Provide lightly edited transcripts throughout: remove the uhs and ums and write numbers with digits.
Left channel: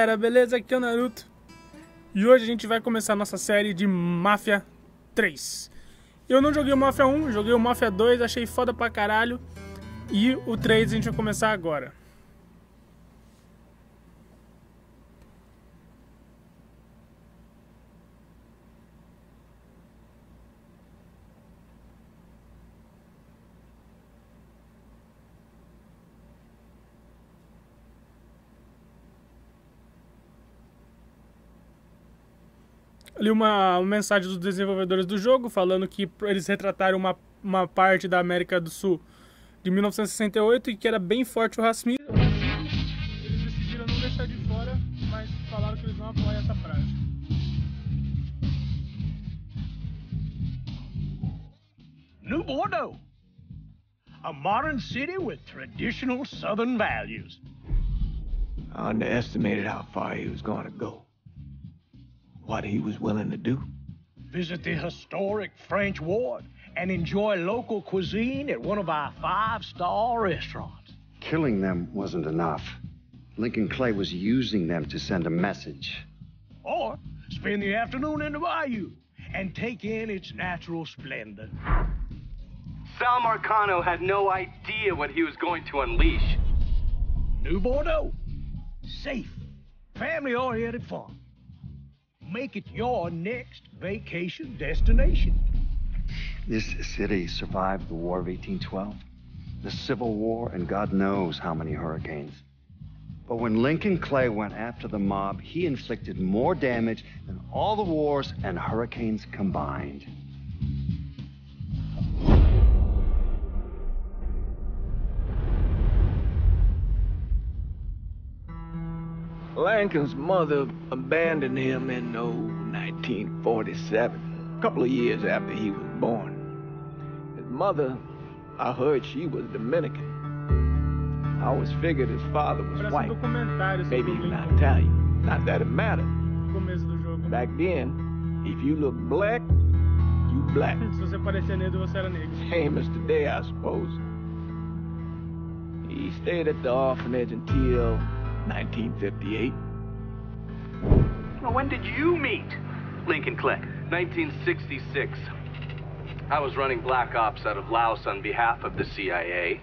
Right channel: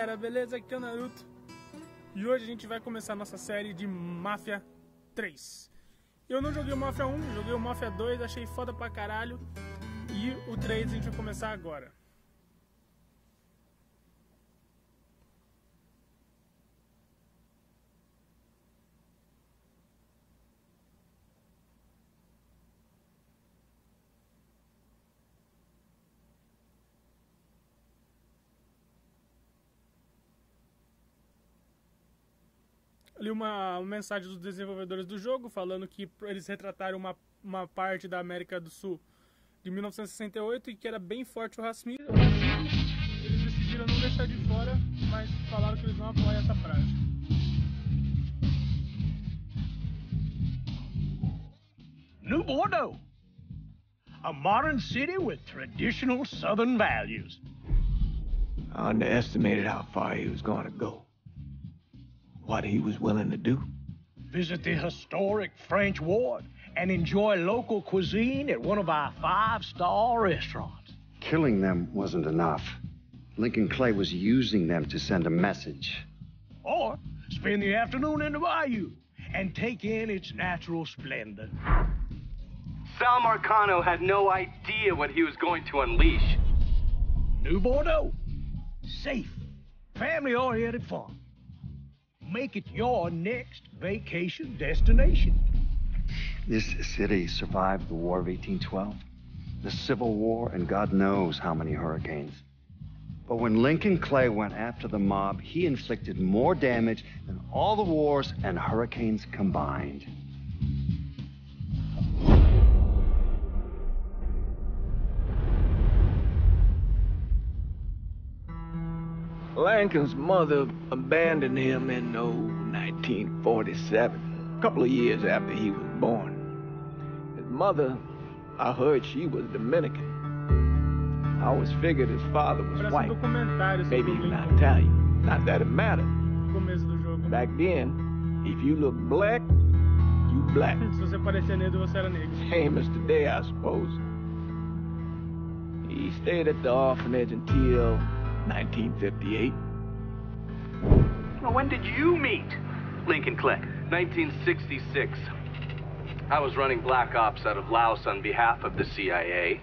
galera, beleza? Aqui é o Naruto. E hoje a gente vai começar a nossa série de Mafia 3. Eu não joguei o Mafia 1, joguei o Mafia 2, achei foda pra caralho. E o 3 a gente vai começar agora. Ali uma mensagem dos desenvolvedores do jogo falando que eles retrataram uma parte da América do Sul de 1968 e que era bem forte o racismo. Eles decidiram não deixar de fora, mas falaram que eles não apoiam essa frase. New Bordeaux, a modern city with traditional Southern values. I underestimated how far he was going to go. What he was willing to do. Visit the historic French Ward and enjoy local cuisine at one of our 5-star restaurants. Killing them wasn't enough. Lincoln Clay was using them to send a message. Or spend the afternoon in the bayou and take in its natural splendor. Sal Marcano had no idea what he was going to unleash. New Bordeaux, safe, family-oriented fun. Make it your next vacation destination. This city survived the War of 1812, the Civil War, and God knows how many hurricanes. But when Lincoln Clay went after the mob, he inflicted more damage than all the wars and hurricanes combined. Lincoln's mother abandoned him in 1947, a couple of years after he was born. His mother, I heard she was Dominican. I always figured his father was white, maybe even Italian. Not that it mattered. Back then, if you look black, you black. Se você parecia negro, você era negro. Famous today, I suppose. He stayed at the orphanage until 1958. Well, when did you meet Lincoln Clay? 1966. I was running Black Ops out of Laos on behalf of the CIA.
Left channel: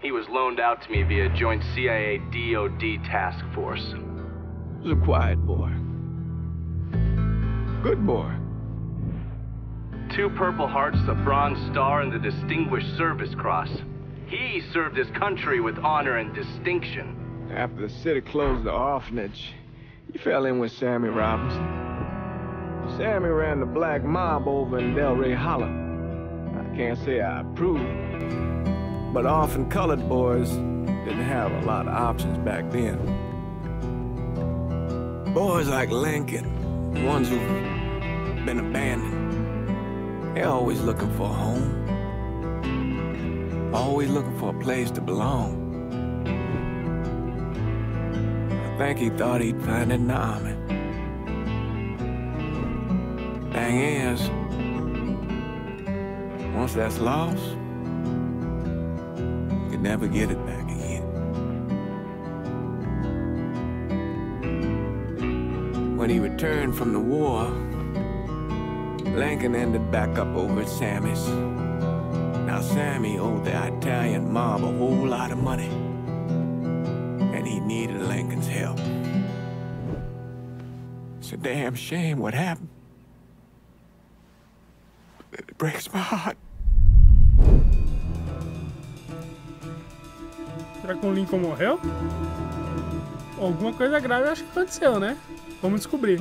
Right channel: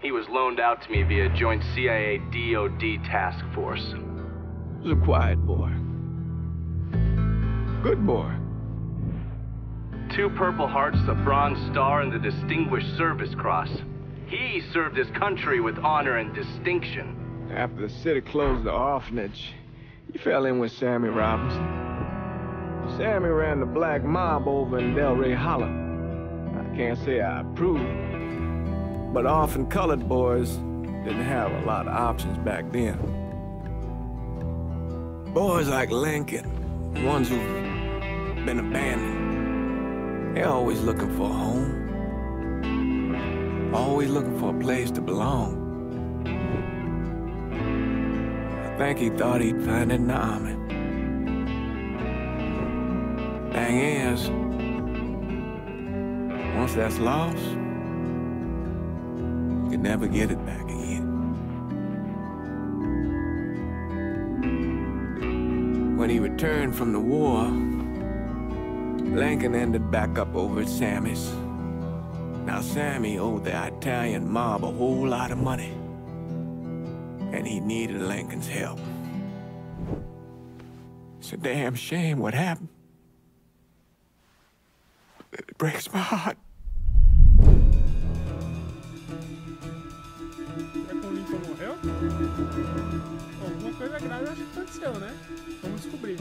He was loaned out to me via joint CIA-DOD task force. He was a quiet boy. Good boy. 2 Purple Hearts, a Bronze Star, and the Distinguished Service Cross. He served his country with honor and distinction. After the city closed the orphanage, he fell in with Sammy Robinson. Sammy ran the black mob over in Delray Hollow. I can't say I approve, but orphan colored boys didn't have a lot of options back then. Boys like Lincoln, ones who've been abandoned, they're always looking for a home, always looking for a place to belong. I think he thought he'd find it in the army. Thing is, once that's lost, you can never get it back again. When he returned from the war, Lincoln ended back up over at Sammy's. Now Sammy owed the Italian mob a whole lot of money. And he needed Lincoln's help. It's a damn shame what happened. It breaks my heart. Será que o Lincoln morreu? Alguma coisa grave eu acho que aconteceu, né? Vamos descobrir.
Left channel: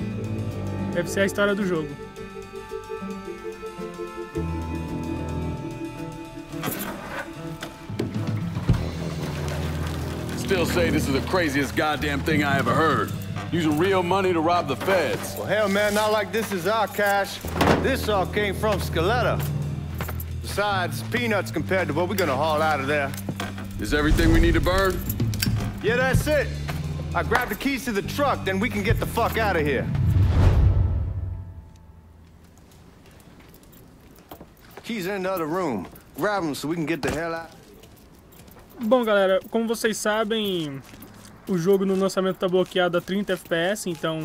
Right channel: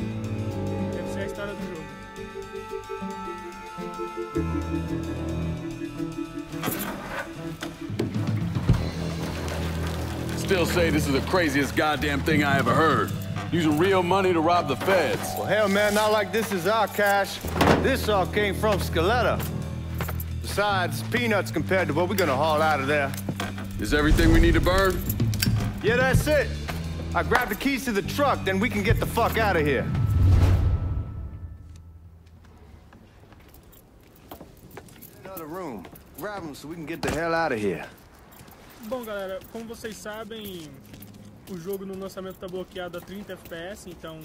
Deve ser a história do jogo. Still say this is the craziest goddamn thing I ever heard. Using real money to rob the feds. Well, hell, man, not like this is our cash. This all came from Scaletta. Besides, peanuts compared to what we're gonna haul out of there. Is everything we need to burn? Yeah, that's it. I grabbed the keys to the truck, then we can get the fuck out of here. Keys in the other room. Grab them so we can get the hell out of here. Bom, galera, como vocês sabem, O jogo no lançamento tá bloqueado a 30 FPS, então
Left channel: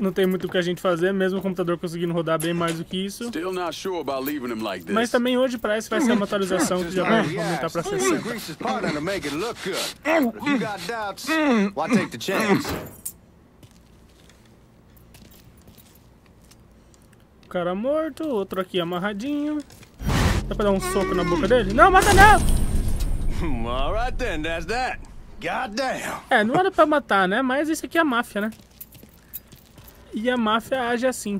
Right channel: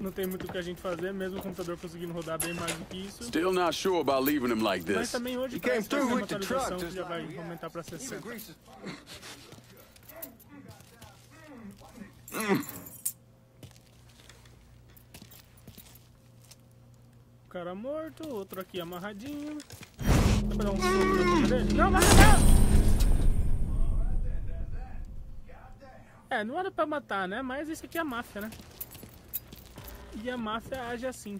não tem muito o que a gente fazer, mesmo o computador conseguindo rodar bem mais do que isso. Still not sure about leaving him like this. Mas também hoje parece que vai ser uma atualização que já vai aumentar pra 60. O cara morto, outro aqui amarradinho. Dá pra dar um soco na boca dele? Não, mata não! Alright then, that's that. Goddamn. É, não era pra matar, né? Mas isso aqui é a máfia, né? E a máfia age assim.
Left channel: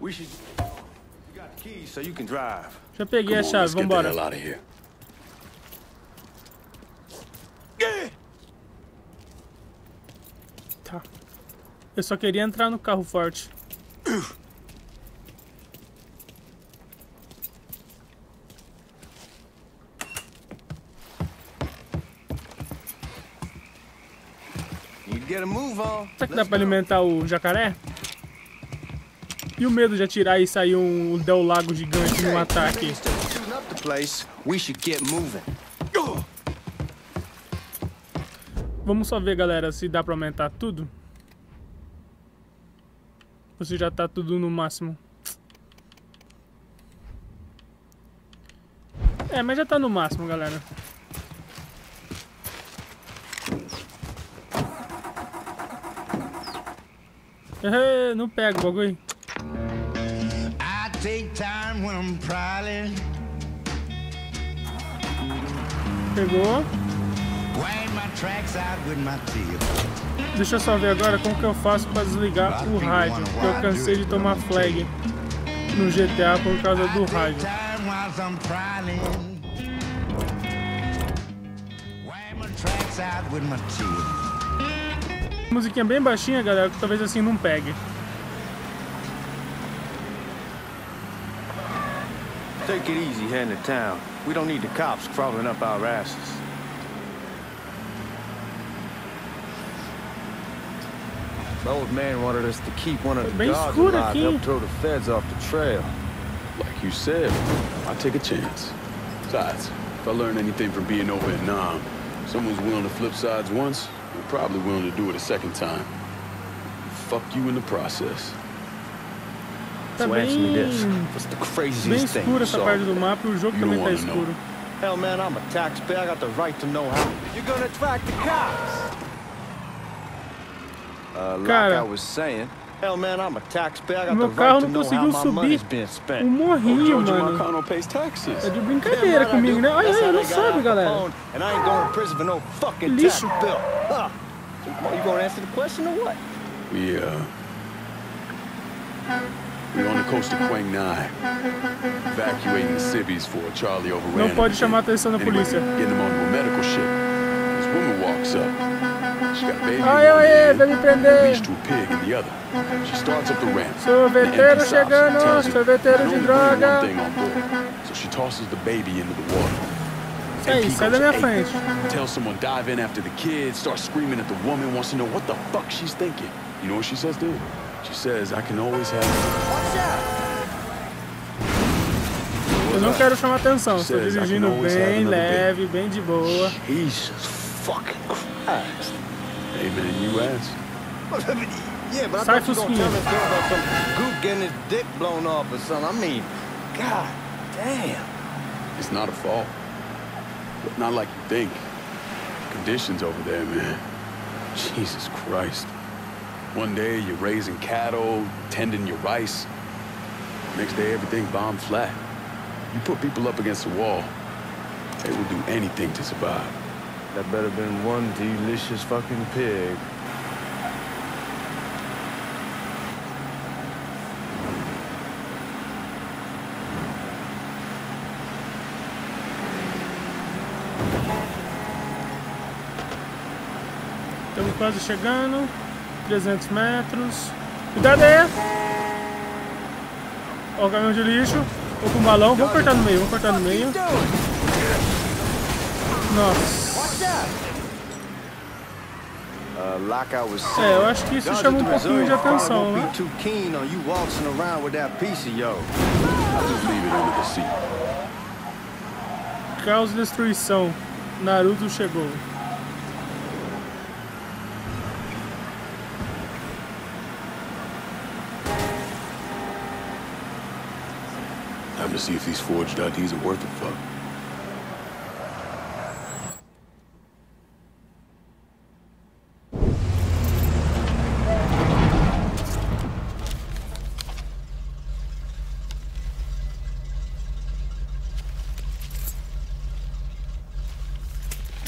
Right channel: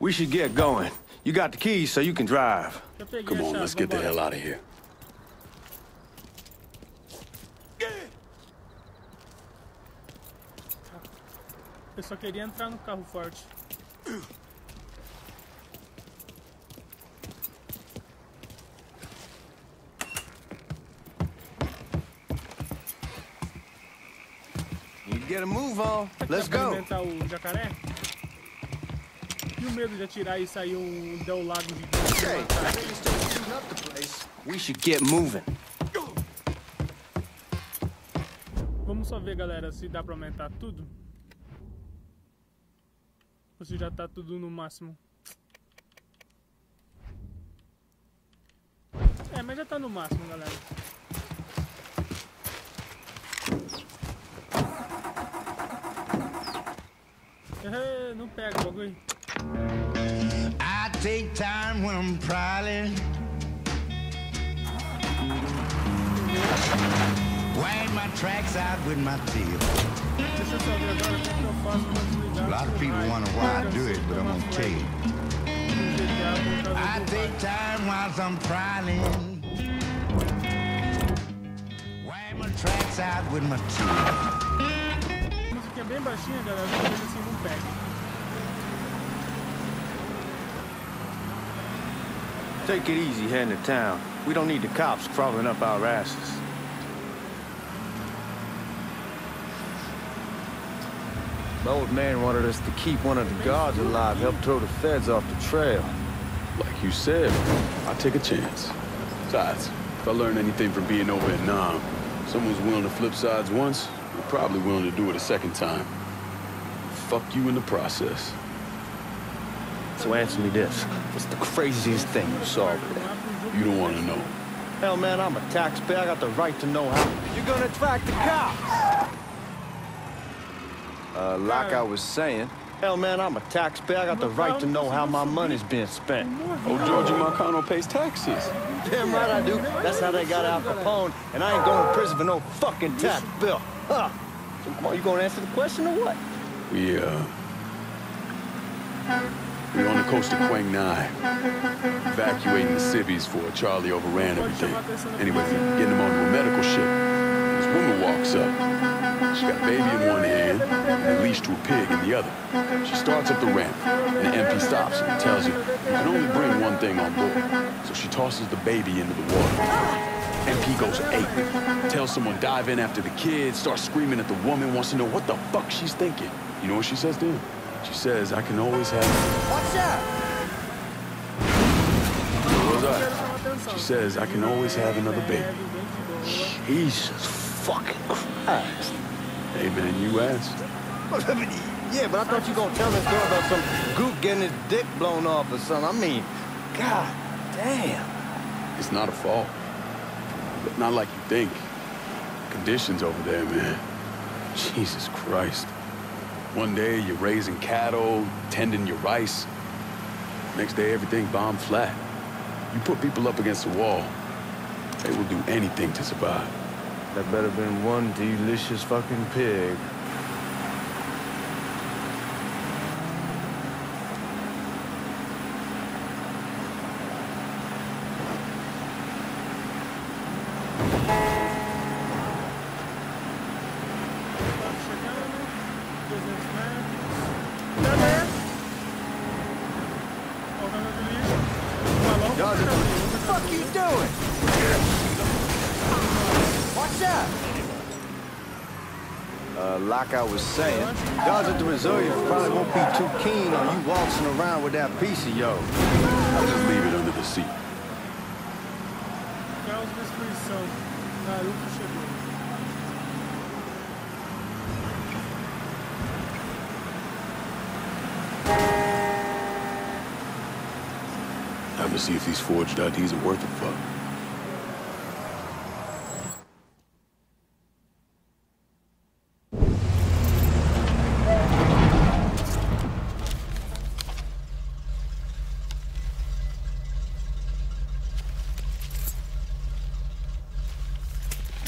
We should get going. You got the keys so you can drive. Já peguei Come a on, chave, let's get the vambora. hell out of here. Tá. Eu só queria entrar no carro forte. Get a move on. Será que dá pra alimentar o jacaré? E o medo de atirar e sair um Del Lago gigante e matar aqui? We should get moving. Vamos só ver, galera, se dá pra aumentar tudo. Ou se já tá tudo no máximo. É, mas já tá no máximo, galera. Não pega o bagulho. I take time when I'm prowling. Pegou. Wind my tracks out with my tail. Deixa eu só ver agora como que eu faço pra desligar o raio. Eu cansei de tomar flag no GTA por causa do raio. I take time while I'm prowling. Wind my tracks out with my tail. Musiquinha bem baixinha, galera, talvez assim não pegue. Take it easy heading to town. We don't need the cops crawling up our asses. The old man wanted us to keep one of the guards alive, help throw the feds off the trail. Like you said, I'll take a chance. Besides, if I learn anything from being over in Nam, someone's willing to flip sides once, they're probably willing to do it a second time. Fuck you in the process. So answer me this. What's the craziest thing you saw over there? You don't want to know. Hell, man, I'm a taxpayer. I got the right to know how. You're gonna attract the cops. Like I was saying. Hell, man, I'm a taxpayer. I got the right to know how my money's being spent. Oh, Georgia Marcano pays taxes. Damn right I do. That's how they got Al Capone, and I ain't going to prison for no fucking tax bill. Huh. You gonna answer the question or what? We're on the coast of Quang Nai, evacuating the civvies for Charlie overran everything. Anyway, getting them onto a medical ship. This woman walks up. She got a baby in one hand, leashed to a pig in the other. She starts up the ramp, and the MP stops her and tells her you can only bring one thing on board. So she tosses the baby into the water. MP goes ape, tells someone dive in after the kid, starts screaming at the woman, wants to know what the fuck she's thinking. You know what she says to him? She says, I can always have... What's up? She says, I can always have another baby. Jesus fucking Christ. Hey, man, you asked. Yeah, but I thought you were going to tell this girl about some goop getting his dick blown off or something. I mean, god damn. It's not a fault. But not like you think. Conditions over there, man. Jesus Christ. One day you're raising cattle, tending your rice. Next day everything bombed flat. You put people up against the wall, they will do anything to survive. That better been one delicious fucking pig. Quase chegando. 300 metros. Cadê? Ó o caminhão de lixo. O balão. Vou cortar no meio. Vou cortar no meio. What's up? Like I was saying, guys at the reserve probably won't be too keen on you waltzing around with that piece of yo. I'll just leave it under the seat. Caos e destruição. Naruto chegou. Time to see if these forged IDs are worth a fuck.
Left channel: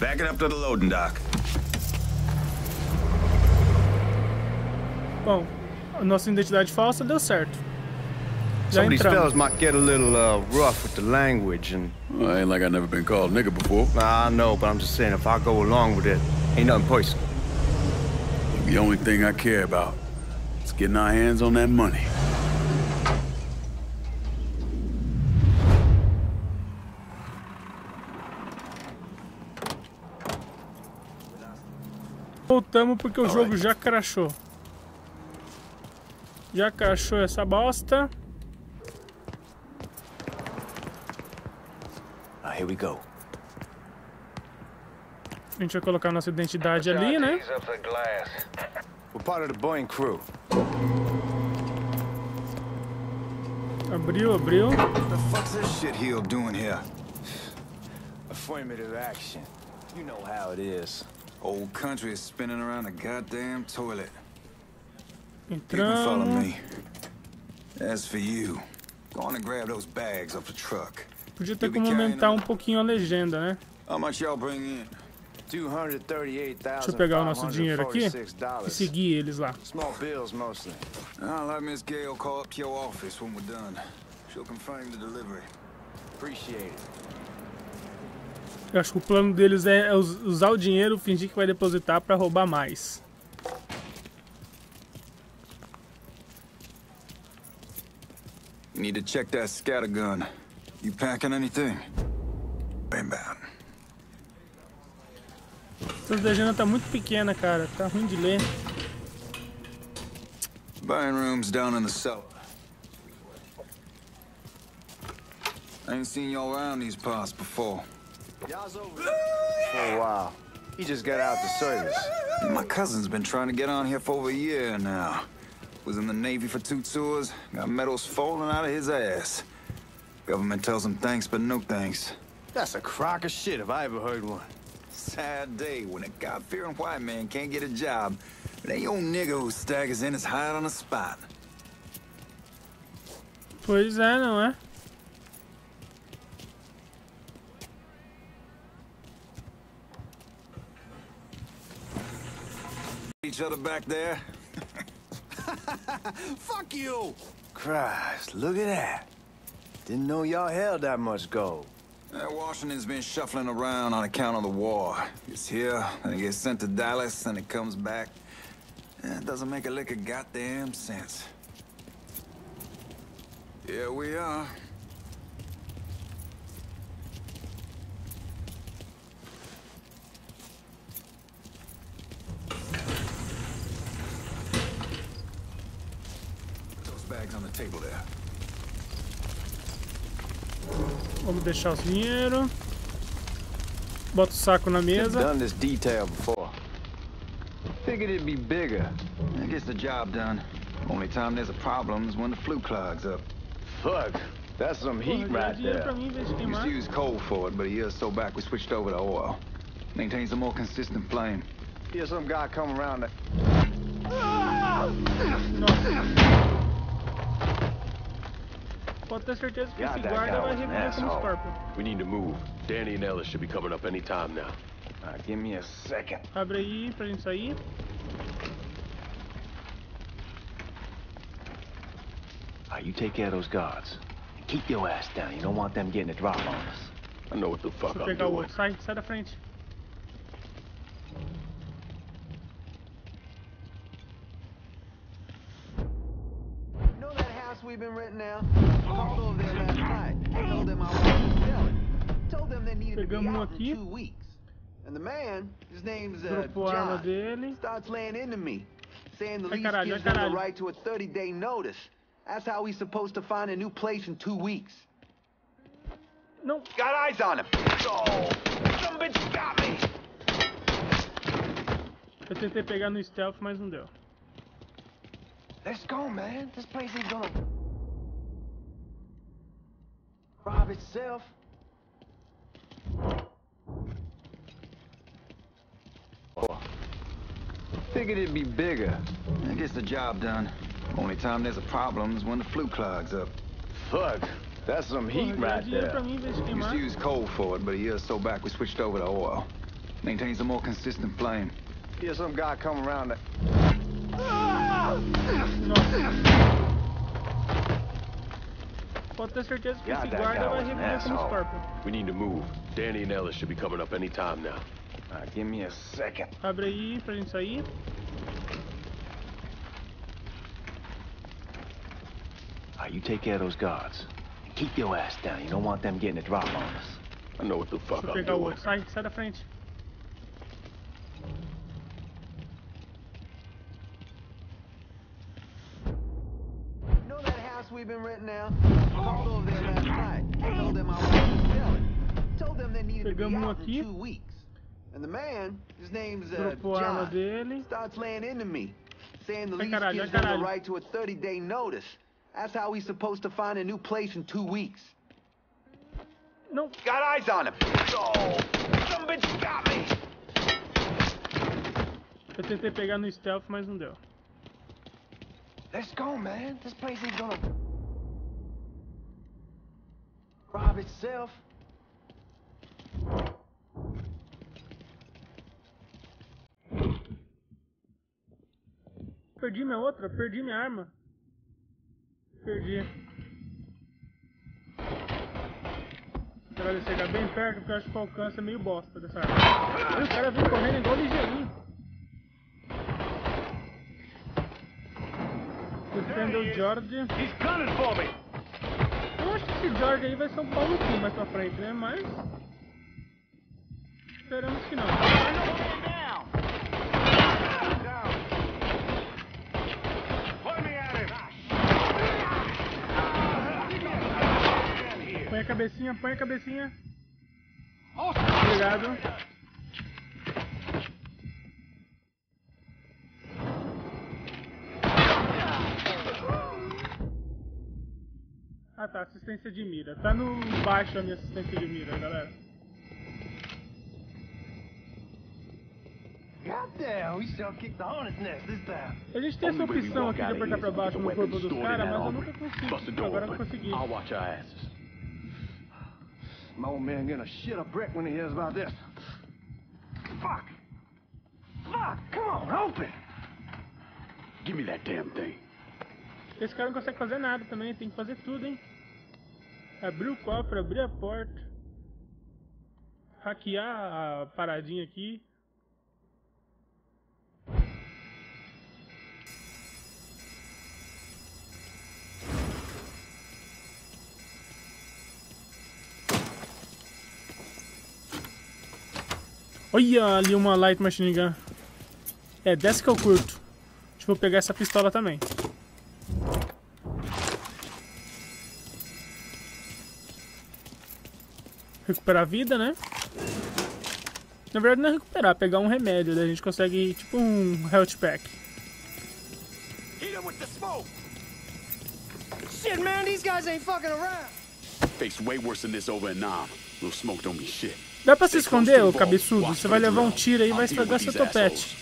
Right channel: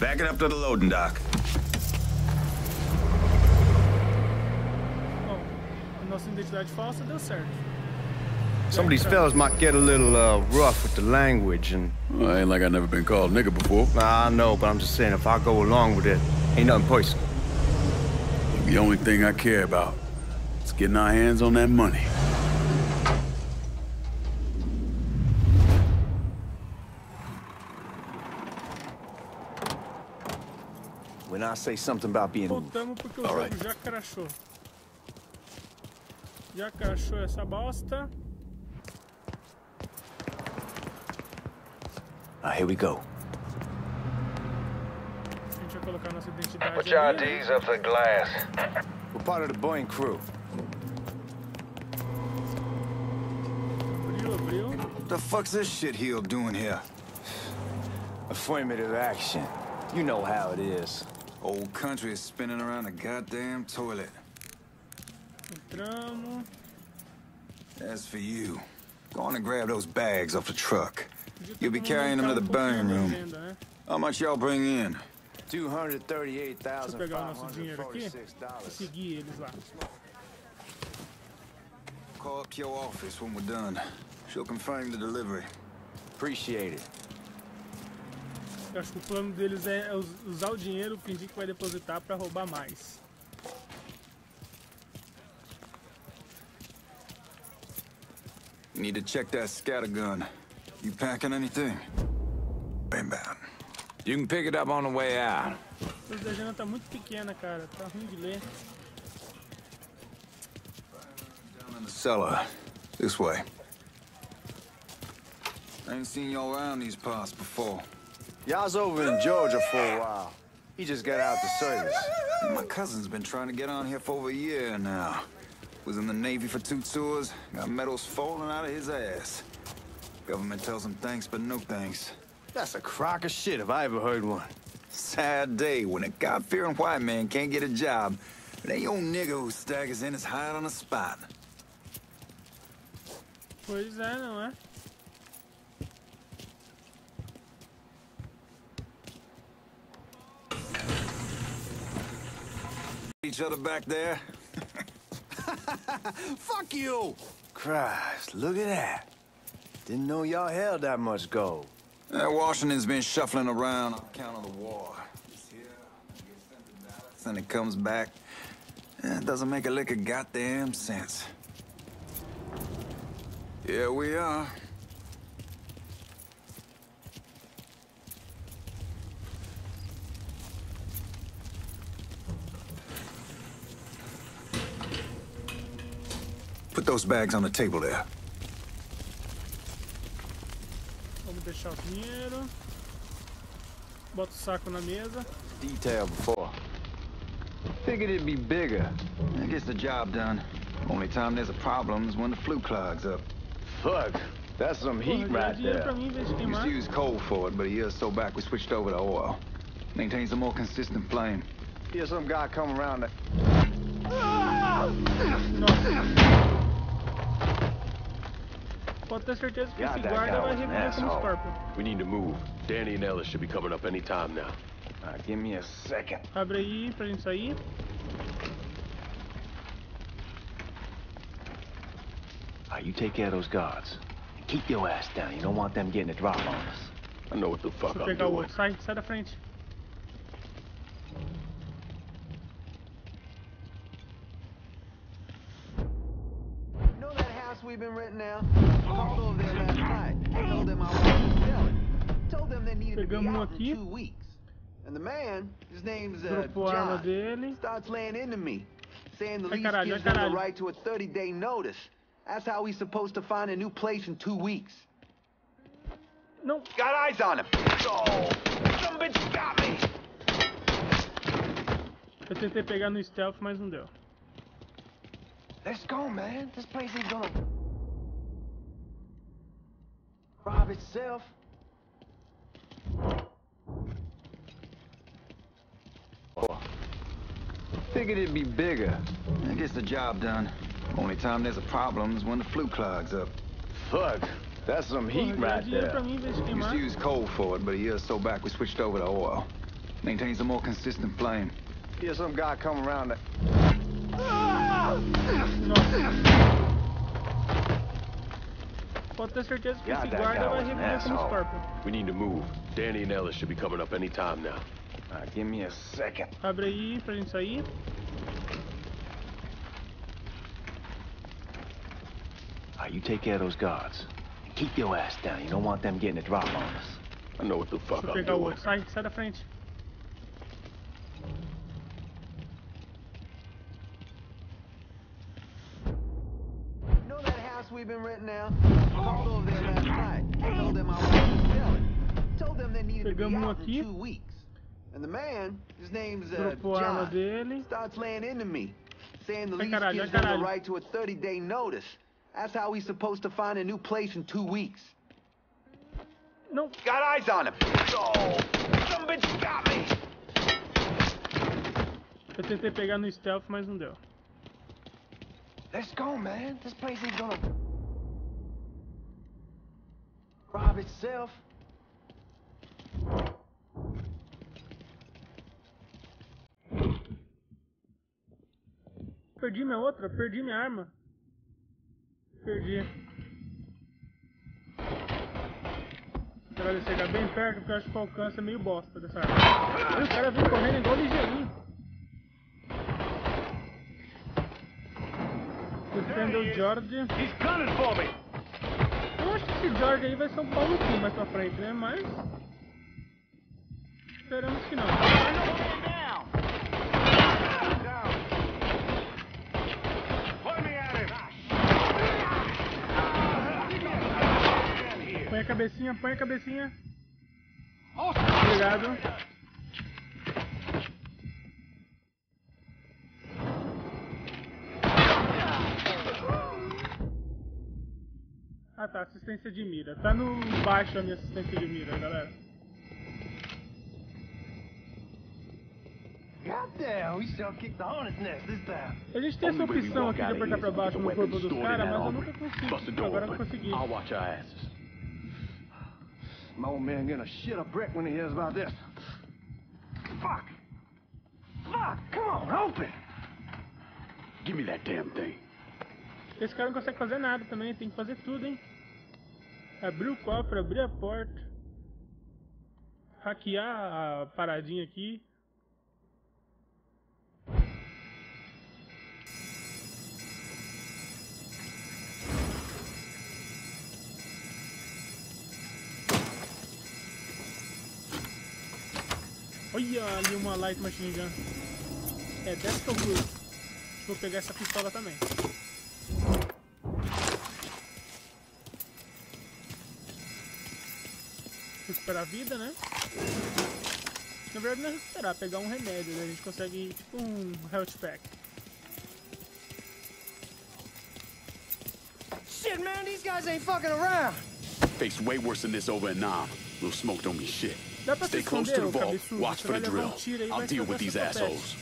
Back it up to the loading dock. Bom, a nossa identidade falsa deu certo. Some of these fellas might get a little rough with the language and... Well, ain't like I've never been called nigga before. I know, but I'm just saying, if I go along with it, ain't nothing personal. The only thing I care about is getting our hands on that money. When I say something about being... Voltamos porque o jogo já crashou. Já crashou essa bosta. Here we go. A gente vai colocar nossa identidade ali, né? We're part of the Boeing crew. Abriu. What the fuck's this shitheel doing here? Affirmative action. You know how it is. Old country is spinning around a goddamn toilet. People follow me. As for you, go on and grab those bags off the truck. You'll be carrying them to the burning room. Né? How much y'all bring in? Deixa eu pegar o nosso dinheiro aqui e seguir eles lá. Small bills mostly. I'll let Miss Gale call up to your office when we're done. She'll confirm the delivery. Appreciate it. Eu acho que o plano deles é usar o dinheiro, fingir que vai depositar para roubar mais. You need to check that scattergun. You packing anything? Bam bam. You can pick it up on the way out. Essa legenda tá muito pequena, cara. Tá ruim de ler. Buying room's down in the cellar. This way. I ain't seen y'all around these parts before. Y'all's over in Georgia for a while. He just got out the service. My cousin's been trying to get on here for over a year now. Was in the Navy for 2 tours, got medals falling out of his ass. Government tells him thanks, but no thanks. That's a crock of shit if I ever heard one. Sad day when a God-fearing white man can't get a job. But ain't old nigga who staggers in his hide on the spot. Pois é, não é? Each other back there? Fuck you! Christ, look at that. Didn't know y'all held that much gold. Washington's been shuffling around on account of the war. It's here, and it gets sent to Dallas, and it comes back. It doesn't make a lick of goddamn sense. Here we are. Put those bags on the table there. Vamos deixar o dinheiro. Bota o saco na mesa. Done this detail before. Figured it'd be bigger. It gets the job done. Only time there's a problem is when the flue clogs up. Fuck, that's some heat right there. Used to use coal for it, but a year or so back we switched over to oil. Maintains a more consistent flame. Hear some guy come around the... Pode ter certeza que esse guarda vai reviver como Scorpion. We need to move. Danny and Ellis should be coming up any time now. Give me a second. Abre aí pra gente sair. You take care of those guards. Keep your ass down. You don't want them getting a drop on us. I know what the fuck I'm pegar o doing. outro. Sai da frente. You know that house we've been renting out? Called over there last night. Told them I wanted to sell it. Told them they needed to be out in 2 weeks. And the man, his name's John, starts laying into me, saying the lease gives him the right to a 30-day notice. That's how he's supposed to find a new place in 2 weeks. Não. Got eyes on him. Oh, some bitch got me. Eu tentei pegar no stealth, mas não deu. Let's go, man. This place ain't gonna rob itself. Figured it'd be bigger. That gets the job done. Only time there's a problem is when the flue clogs up. Fuck, that's some heat right there. Used to use coal for it, but a year or so back we switched over to oil. Maintains a more consistent flame. Here's some guy come around that. Pode ter certeza que esse guarda vai reviver como Scorpion. We need to move. Danny and Ellis should be coming up any time now. Give me a second. Abre aí pra gente sair. You take care of those guards. Keep your ass down. You don't want them getting a drop on us. I know what the fuck I'm pegar o doing. outro. Sai da frente. You know that house we've been renting out? Called over there last night. Told them I wanted to sell it. Told them they needed to be out in 2 weeks. And the man, his name's John, starts laying into me, saying the lease gives him the right to a 30-day notice. That's how he's supposed to find a new place in 2 weeks. No. Got eyes on him. Oh, some bitch got me. Eu tentei pegar no stealth, mas não deu. Let's go, man. This place ain't gonna rob itself. Perdi minha outra, perdi minha arma. Perdi. Agora chegar bem perto, porque eu acho que o alcance é meio bosta dessa arma. O cara vem correndo igual ligeirinho. Defenda o George. Eu acho que esse George aí vai ser um pau no cu mais pra frente, né? Mas esperamos que não. Põe a cabecinha, põe a cabecinha. Obrigado. Ah tá, assistência de mira. Tá no baixo a minha assistência de mira, galera. A gente tem essa opção aqui de apertar pra baixo no corpo dos caras, mas eu nunca consigo. Agora eu consegui. My old man gonna shit a brick when he hears about this. Fuck! Fuck! Come on, open! Give me that damn thing. Esse cara não consegue fazer nada também, tem que fazer tudo, hein? Abrir o cofre, abrir a porta. Hackear a paradinha aqui. Olha ali uma light machine gun. É dessa que eu curto. Deixa eu pegar essa pistola também. Recuperar a vida, né? Na verdade não é recuperar, pegar um remédio. Daí a gente consegue tipo um health pack. Shit, man, these guys ain't fucking around. Face way worse than this over in Nam. Little smoke don't mean shit. Dá pra se esconder, ô cabeçudo? Você vai levar um tiro aí e vai estragar seu topete.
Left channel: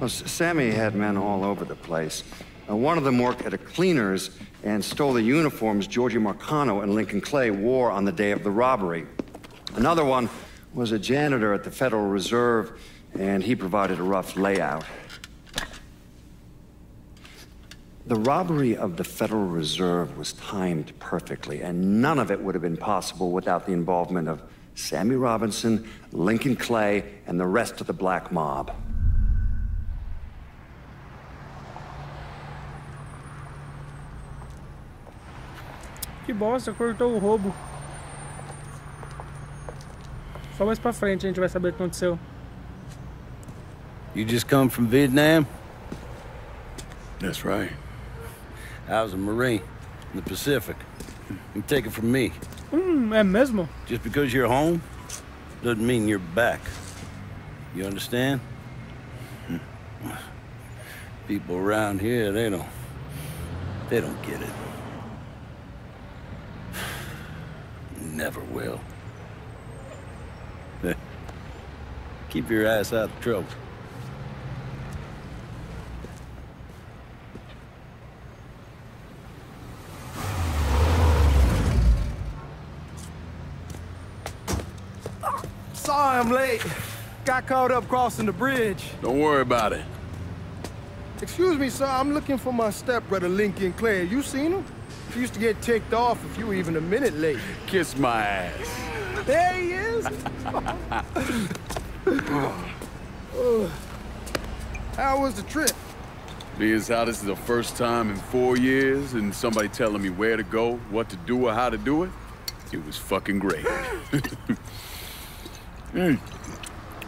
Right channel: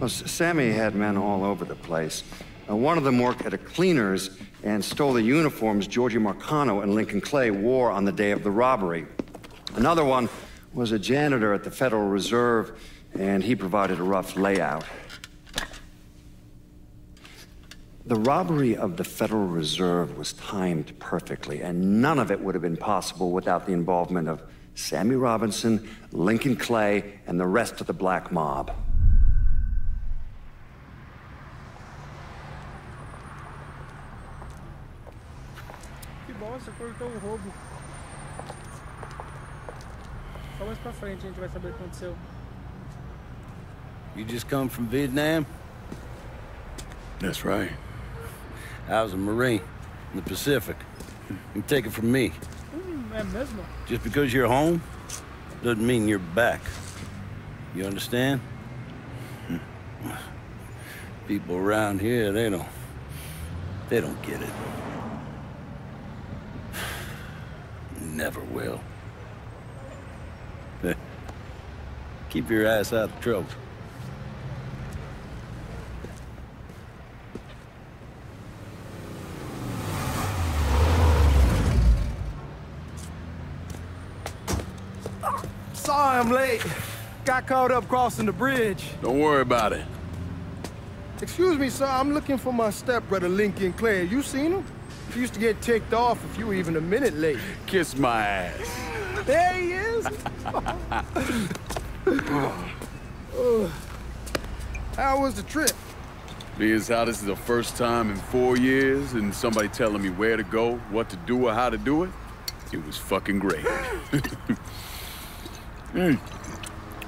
Well, Sammy had men all over the place. One of them worked at a cleaner's and stole the uniforms Georgie Marcano and Lincoln Clay wore on the day of the robbery. Another one was a janitor at the Federal Reserve, and he provided a rough layout. The robbery of the Federal Reserve was timed perfectly, and none of it would have been possible without the involvement of Sammy Robinson, Lincoln Clay, and the rest of the black mob. Que bosta, cortou o roubo. Só mais pra frente a gente vai saber o que aconteceu. You just come from Vietnam? That's right. I was a Marine in the Pacific. You take it from me. É mesmo? Just because you're home doesn't mean you're back. You understand? People around here, they don't get it. Never will. Keep your ass out of trouble. Sorry I'm late. Got caught up crossing the bridge. Don't worry about it. Excuse me, sir. I'm looking for my stepbrother, Lincoln Clay. You seen him? He used to get ticked off if you were even a minute late. Kiss my ass. There he is. How was the trip? Being as how this is the first time in 4 years and somebody telling me where to go, what to do, or how to do it, it was fucking great.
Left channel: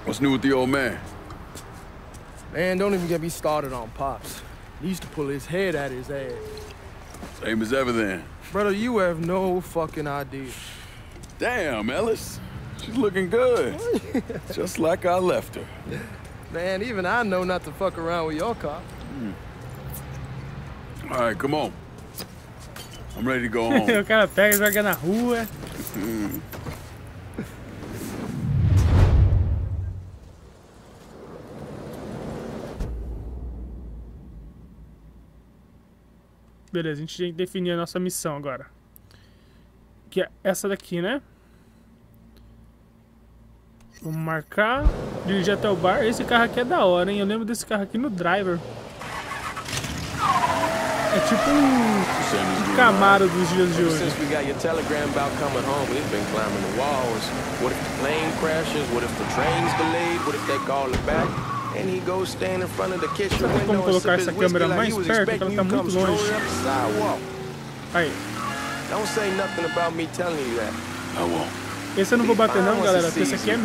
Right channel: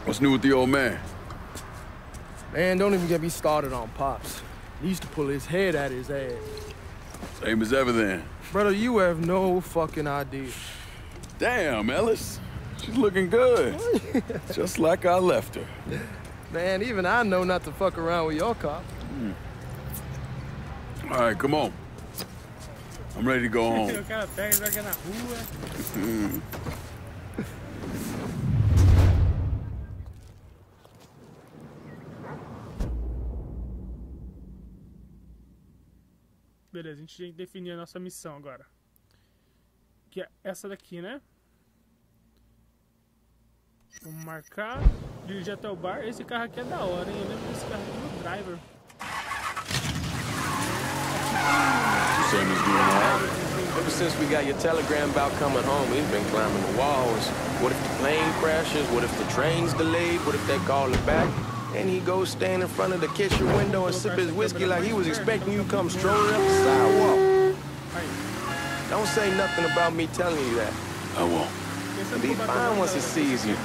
What's new with the old man? Man, don't even get me started on Pops. He used to pull his head out his ass. Same as ever then. Brother, you have no fucking idea. Damn, Ellis. She's looking good. Just like I left her. Man, even I know not to fuck around with your cop. All right, come on. I'm ready to go home. O cara pega e joga na rua. Beleza, a gente tem que definir a nossa missão agora. Que é essa daqui, né? Vamos marcar, dirigir até o bar. Esse carro aqui é da hora, hein? Eu lembro desse carro aqui no Driver. É tipo um Camaro dos dias de Ever hoje. since we got your telegram about coming home, we've been climbing the walls. What if the plane crashes? What if the train's delayed? What if they call it back? And he goes stand in front of the kitchen window and sip his whiskey like he was expecting you to come strolling up the sidewalk. Don't say nothing about me telling you that. I won't. Be fine once he sees you.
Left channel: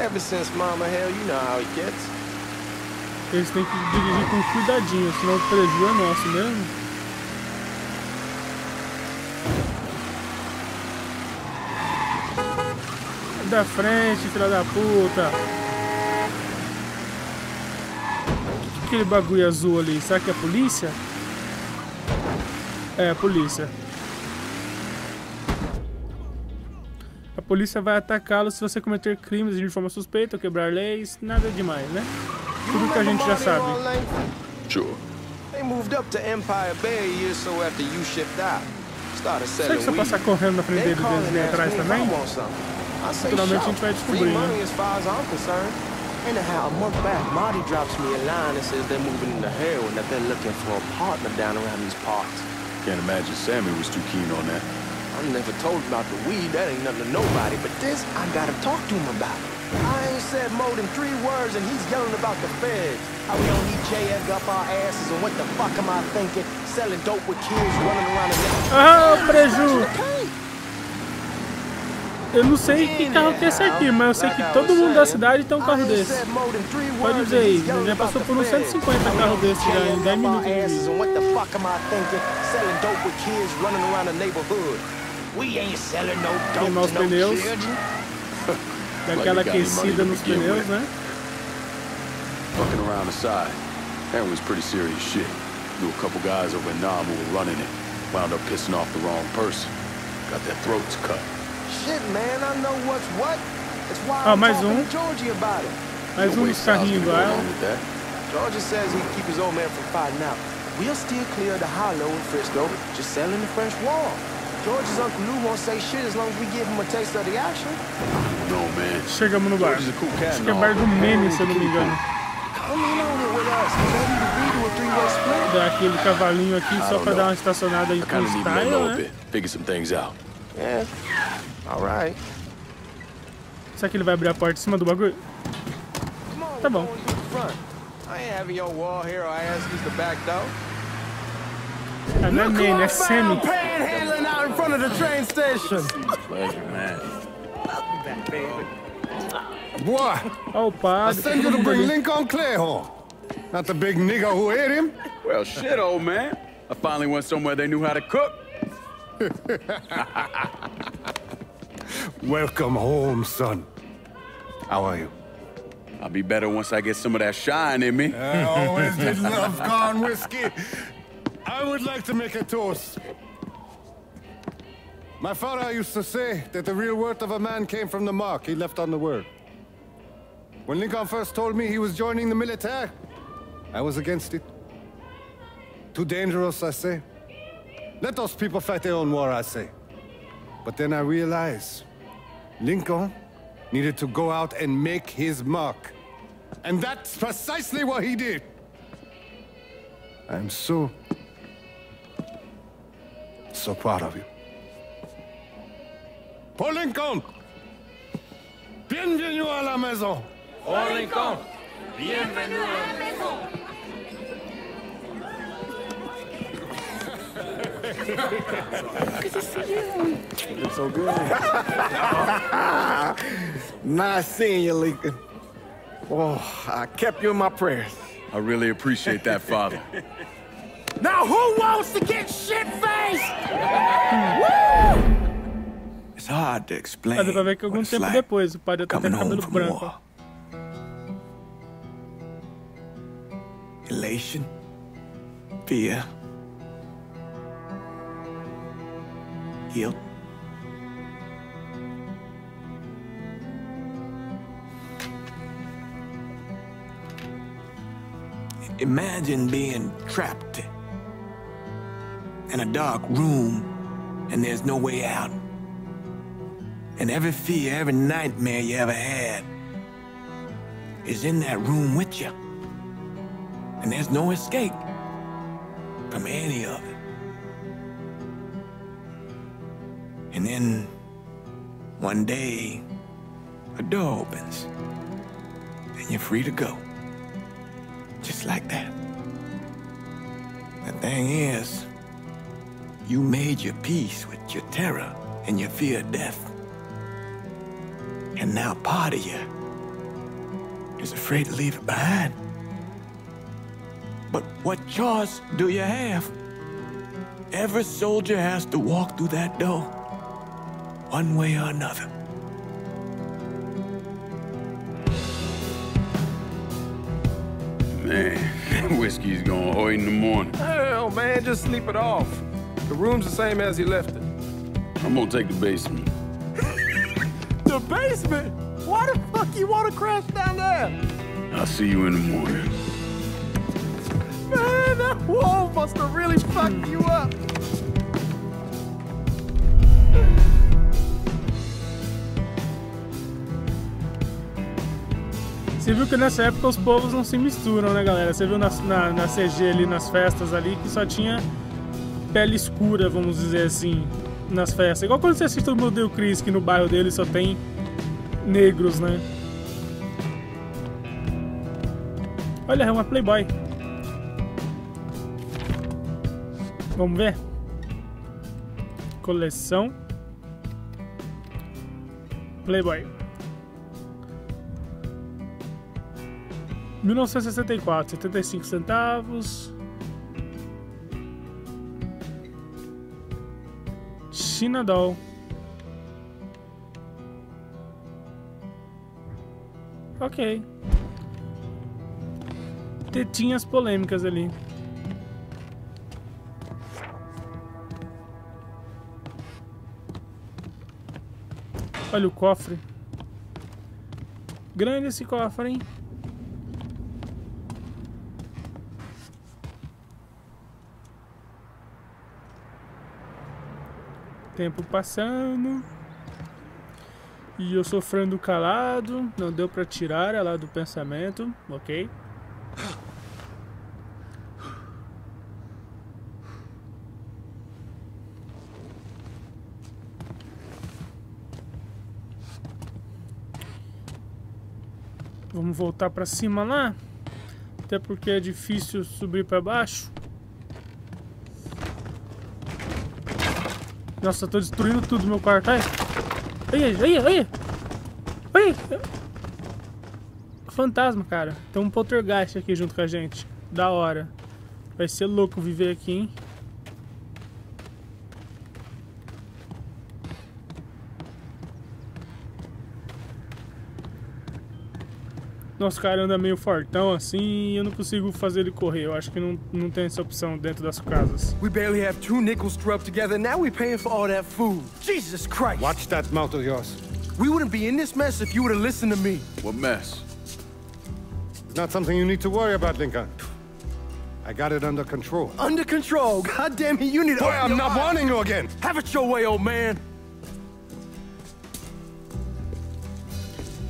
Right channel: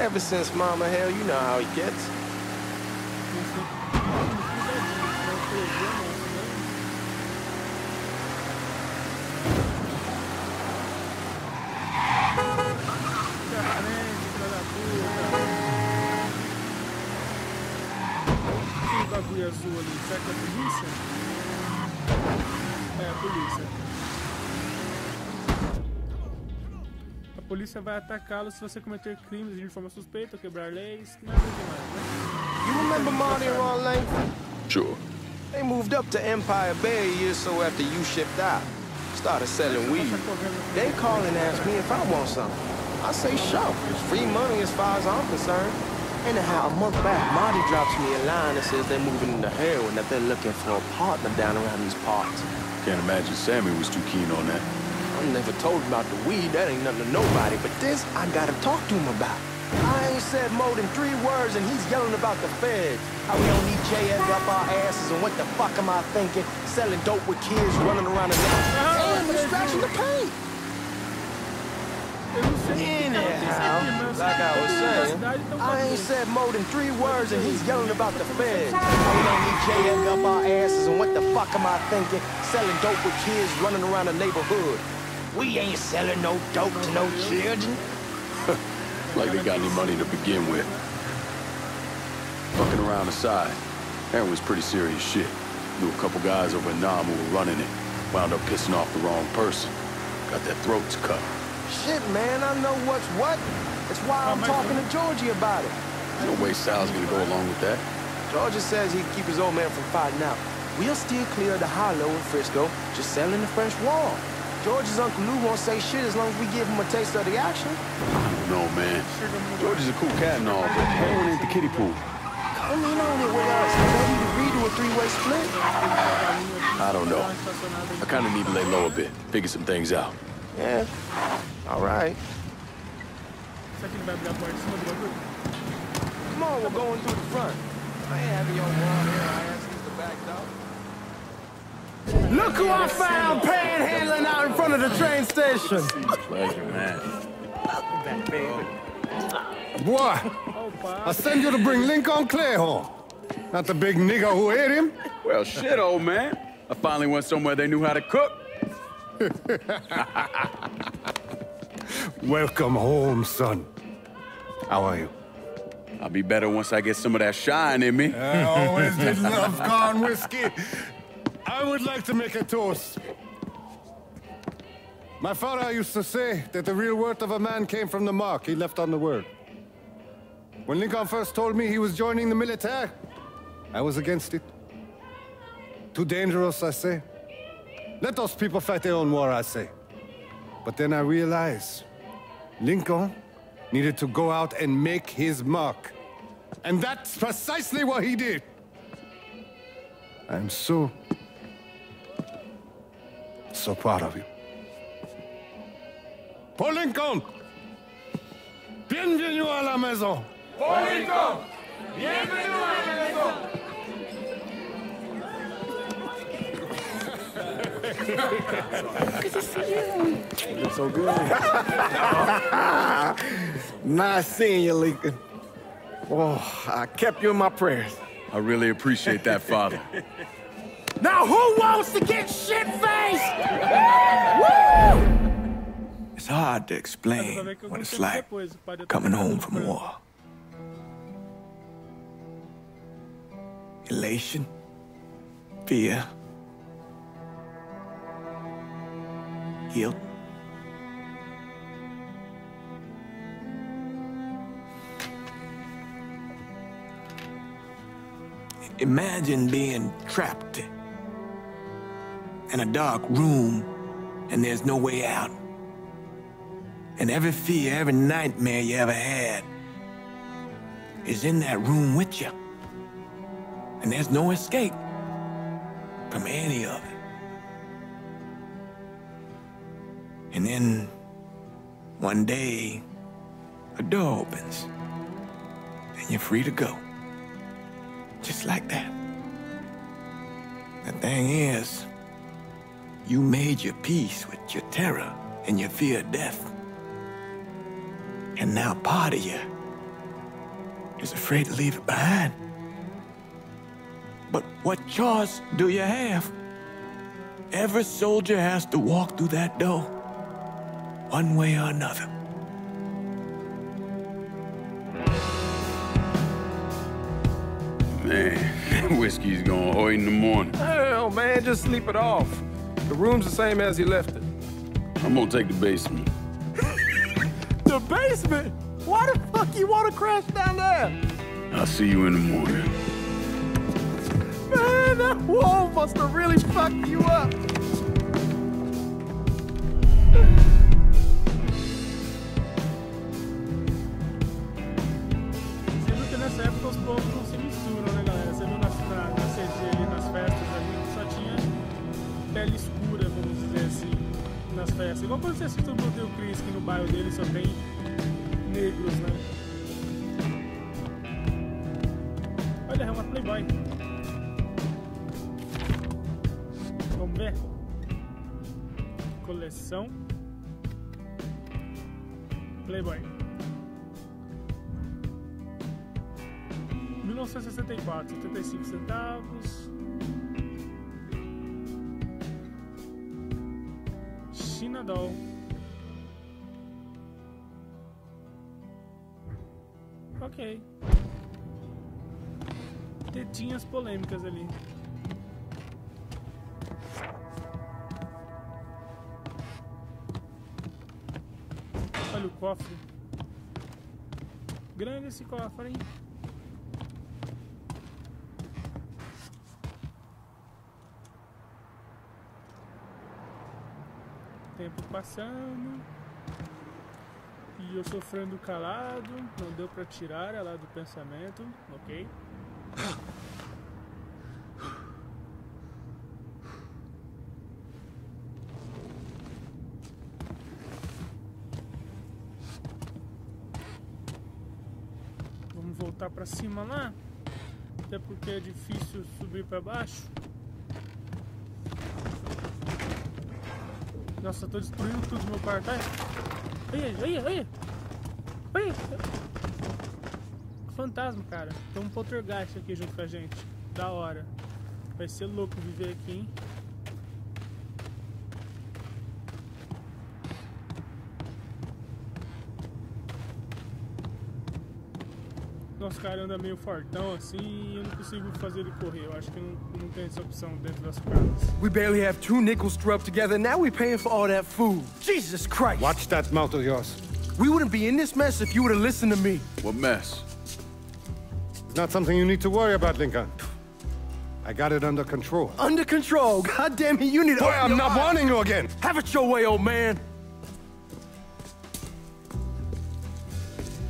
Ever since Mama, hell, you know how he gets. Eles têm que dirigir com cuidadinho, senão o prejuízo é nosso mesmo. Da frente, filha da puta. Aquele bagulho azul ali, será que é a polícia? É, a polícia. A polícia vai atacá-lo se você cometer crimes de forma suspeita ou quebrar leis, nada demais, né? You remember Marty on Langford? Sure. They moved up to Empire Bay a year or so after you shipped out. Started selling weed. They call and ask me if I want something. I say sure. Free money as far as I'm concerned. Anyhow, a month back, Marty drops me a line that says they're moving into heroin, that they're looking for a partner down around these parts. Can't imagine Sammy was too keen on that. I never told him about the weed, that ain't nothing to nobody, but this I gotta talk to him about. I ain't said more than 3 words and he's yelling about the feds. How we don't need JS up our asses and what the fuck am I thinking? Selling dope with kids running around the neighborhood. Scratching the paint. Eu não sei que carro que é esse aqui, mas eu sei que todo mundo da cidade tem um carro I ain't desse. said more than 3 words and he's yelling about the feds. How we don't need JS up our asses and what the fuck am I thinking? Selling dope with kids running around the neighborhood. We ain't selling no dope to no children. Like they got any money to begin with. Fucking around the side. That was pretty serious shit. Knew a couple guys over in Nam who were running it. Wound up pissing off the wrong person. Got their throats cut. Shit, man, I know what's what. That's why I'm talking to Georgie about it. No way Sal's gonna go along with that. Georgie says he'd keep his old man from fighting out. We'll steer clear of the Hollow in Frisco, just selling the French Wall. George's Uncle Lou won't say shit as long as we give him a taste of the action. No, man. George is a cool cat and all, but heroin ain't the kiddie pool. Come in on it with us. Maybe we redo a 3-way split. I don't know. I kind of need to lay low a bit, figure some things out. Yeah. All right. Será que ele vai abrir a porta em cima do bagulho? Come on, we're going through the front. I ain't having your wall here. I ask use the back door. Look who I found panhandling out in front of the train station. Pleasure, man. Welcome back, baby. Boy, I send you to bring Lincoln Clay home. Not the big nigga who ate him? Well, shit, old man. I finally went somewhere they knew how to cook. Welcome home, son. How are you? I'll be better once I get some of that shine in me. I always did love corn whiskey. I would like to make a toast. My father used to say that the real worth of a man came from the mark he left on the world. When Lincoln first told me he was joining the military, I was against it. Too dangerous, I say. Let those people fight their own war, I say. But then I realized Lincoln needed to go out and make his mark. And that's precisely what he did. I'm so proud of you. Paul Lincoln! Bienvenue à la maison! Paul Lincoln! Bienvenue à la maison! Good to see you. You look so good. Nice seeing you, Lincoln. Oh, I kept you in my prayers. I really appreciate that, Father. Now who wants to get shit-faced? Woo! It's hard to explain what it's like coming home from war. Elation, fear, guilt. Imagine being trapped in a dark room and there's no way out. And every fear, every nightmare you ever had is in that room with you. And there's no escape from any of it. And then one day, a door opens and you're free to go. Just like that. The thing is, you made your peace with your terror and your fear of death. And now part of you is afraid to leave it behind. But what choice do you have? Every soldier has to walk through that door, one way or another. Man, whiskey's gonna hurt in the morning. Hell, man, just sleep it off. The room's the same as you left it. I'm gonna take the basement. The basement? Why the fuck you want to crash down there? I'll see you in the morning. Man, that wall must have really fucked you up. Você viu que nessa época os povos não se misturam, né, galera? Você viu na CG ali, nas festas ali, que só tinha pele escura, vamos dizer assim, nas festas. Igual quando você assiste o Modelo Chris, que no bairro dele só tem negros, né? Olha, é uma Playboy. Vamos ver? Coleção Playboy 1964, 75 centavos. China Doll. Ok. Tetinhas polêmicas ali. Olha o cofre. Grande esse cofre, hein? Tempo passando. E eu sofrendo calado. Não deu pra tirar ela do pensamento. Ok. Vamos voltar pra cima lá. Até porque é difícil subir pra baixo. Nossa, eu tô destruindo tudo no meu quarto. Ai. Ai. fantasma, cara. Tem um poltergeist aqui junto com a gente. Da hora. Vai ser louco viver aqui, hein? Nosso cara anda meio fortão assim e eu não consigo fazer ele correr. Eu acho que não tem essa opção dentro das casas. We barely have 2 nickels to rub together. Now we're paying for all that food. Jesus Christ! Watch that mouth of yours. We wouldn't be in this mess if you would have listened to me. What mess? It's not something you need to worry about, Lincoln. I got it under control. Under control? God damn it, you need to... Boy, I'm not warning you again! Have it your way, old man!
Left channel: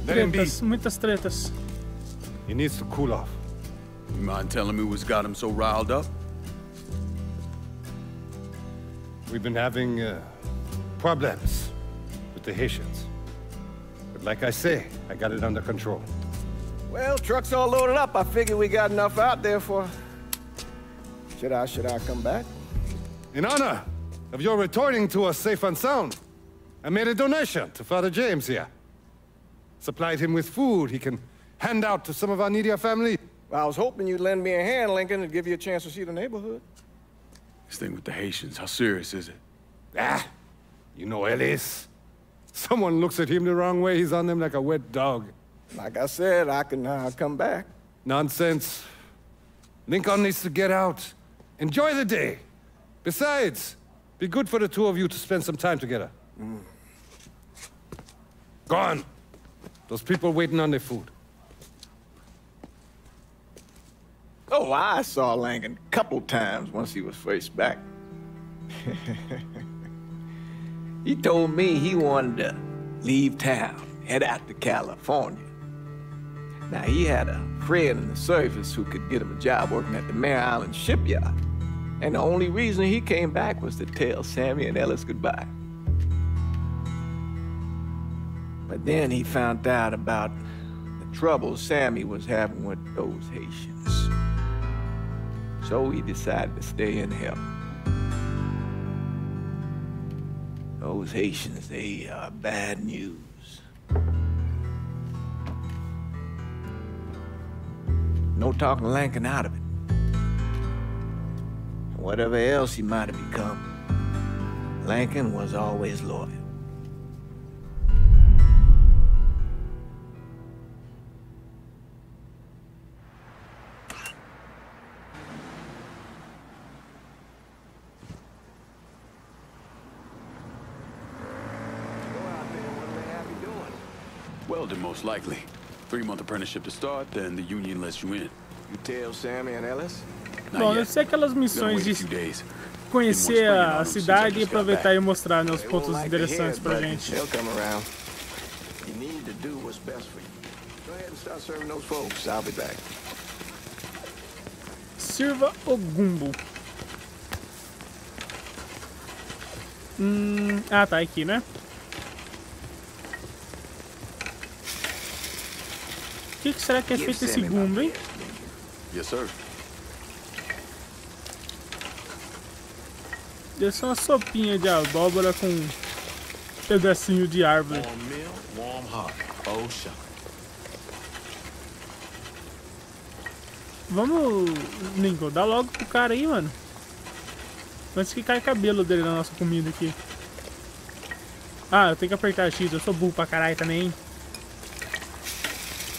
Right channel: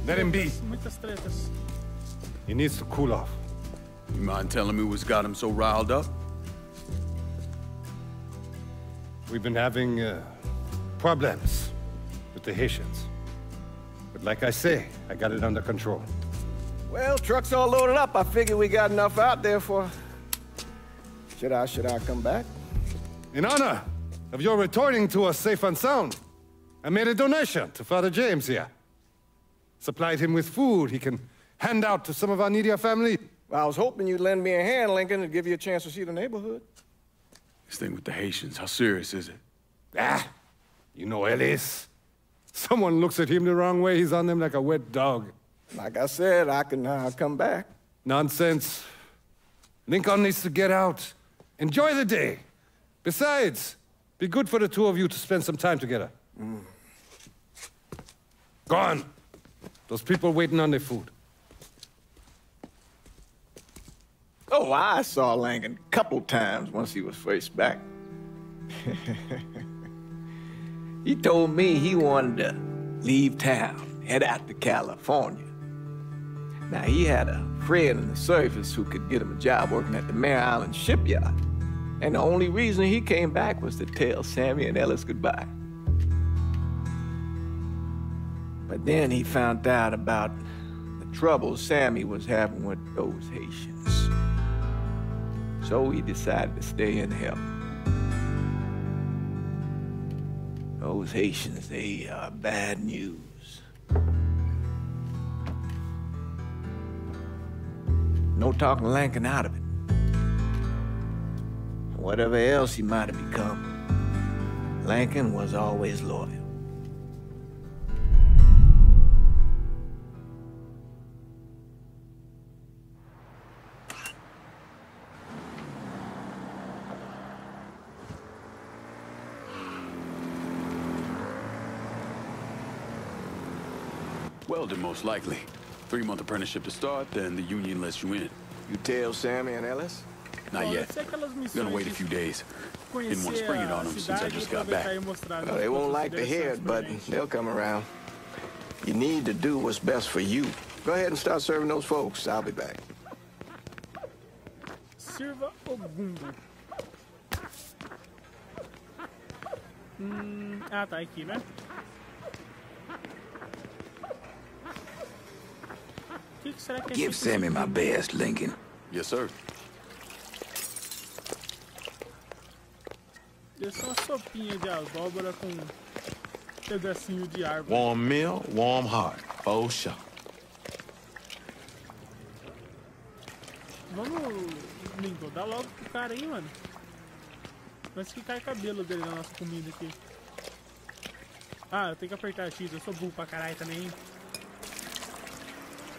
Let him be. Muitas tretas. He needs to cool off. You mind telling me what's got him so riled up? We've been having problems with the Haitians. But like I say, I got it under control. Well, truck's all loaded up. I figured we got enough out there for... Should I come back? In honor of your returning to us safe and sound, I made a donation to Father James here. Supplied him with food he can hand out to some of our needier family. Well, I was hoping you'd lend me a hand, Lincoln, and give you a chance to see the neighborhood. This thing with the Haitians, how serious is it? Ah, you know Ellis. Someone looks at him the wrong way, he's on them like a wet dog. Like I said, I can come back. Nonsense. Lincoln needs to get out. Enjoy the day. Besides, be good for the two of you to spend some time together. Go on. Those people waiting on their food. Oh, I saw Lincoln a couple times once he was first back. He told me he wanted to leave town, head out to California. Now, he had a friend in the service who could get him a job working at the Mare Island shipyard. And the only reason he came back was to tell Sammy and Ellis goodbye. But then he found out about the trouble Sammy was having with those Haitians. So he decided to stay and help. Those Haitians, they are bad news. No talking Lincoln out of it. Whatever else he might have become, Lincoln was always loyal. Well, then most likely. 3-month apprenticeship to start, then the union lets you in. You tell Sammy and Ellis? Not yet. Deve ser aquelas Gonna wait a missões few de days. conhecer a cidade e aproveitar e mostrar nos They won't pontos like to hear interessantes it, pra but gente. they'll come around. You need to do what's best for you. Go ahead and start serving those folks. I'll be back. Sirva o gumbo. Ah, tá aqui, né? O que será que é feito esse Sammy my gumbo? best, Lincoln. Yes, sir. Deve ser uma sopinha de abóbora com um pedacinho de árvore. Warm meal, warm heart. Oh, sure. Vamos, Lincoln, dá logo pro cara aí, mano. Antes que cai cabelo dele na nossa comida aqui. Ah, eu tenho que apertar X, eu sou burro pra caralho também.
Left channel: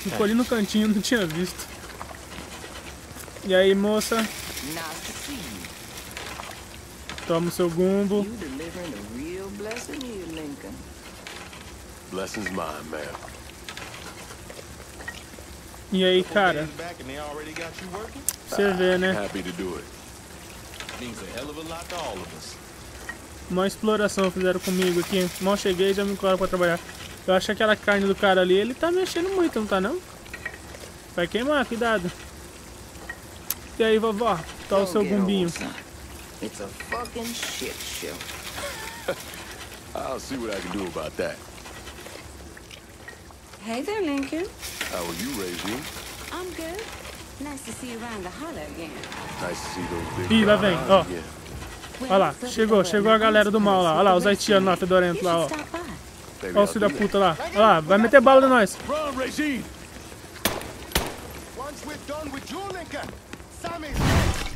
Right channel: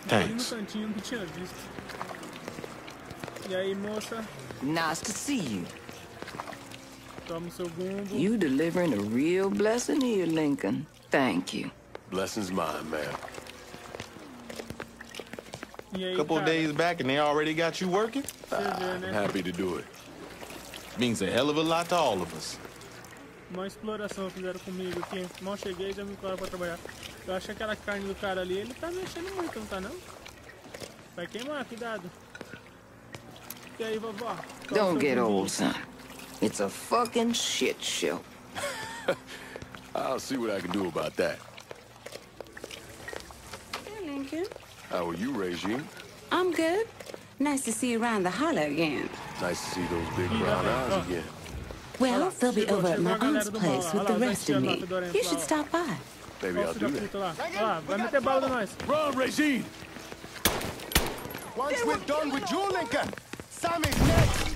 Ficou ali no cantinho, não tinha visto. E aí, moça? Nice to see you. Toma o seu gumbo. You delivering a real blessing here, Lincoln. Thank you. Blessing's mine, ma'am. E aí, Couple cara? days back and they already got you working? Você vê, né? Happy to do it. Means a hell of a lot to all of us. Uma exploração fizeram comigo aqui. Mal cheguei e já me colocaram pra trabalhar. Eu acho que aquela carne do cara ali, ele tá mexendo muito, não tá não? Vai queimar, cuidado. E aí, vovó? Tá o Don't seu get gumbinho. old, son. It's a fucking shit show. I'll see what I can do about that. Hey there, Lincoln. How are you, Regine? I'm good. Nice to see you around the holler again. Nice to see those big Ih, lá brown vem, eyes ó. again. Olha lá, chegou a galera do mal lá. Olha lá, os haitianos lá, fedorentos lá, ó. Baby, Olha o I'll filho do da that. puta lá. Olha lá, vai meter bala em nós. Run, Regine! Once we're done with you, Lincoln, Sammy's next.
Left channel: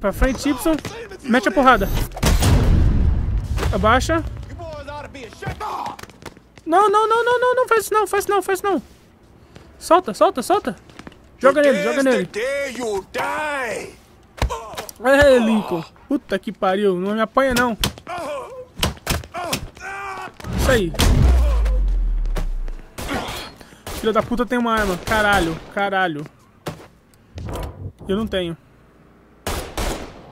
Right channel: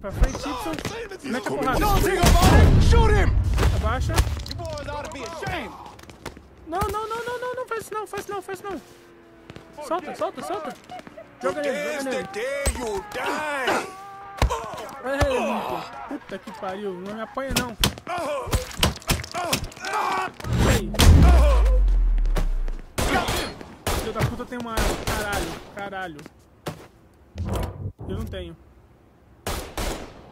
Pra frente, Y. Mete a porrada. Abaixa. Não, não, não, não, não, não faz isso não, faz isso não, faz isso não. Solta, solta, solta. Joga nele, joga nele. É, limpo. Puta que pariu, não me apanha não. Isso aí. Filho da puta tem uma arma. Caralho, caralho. Eu não tenho.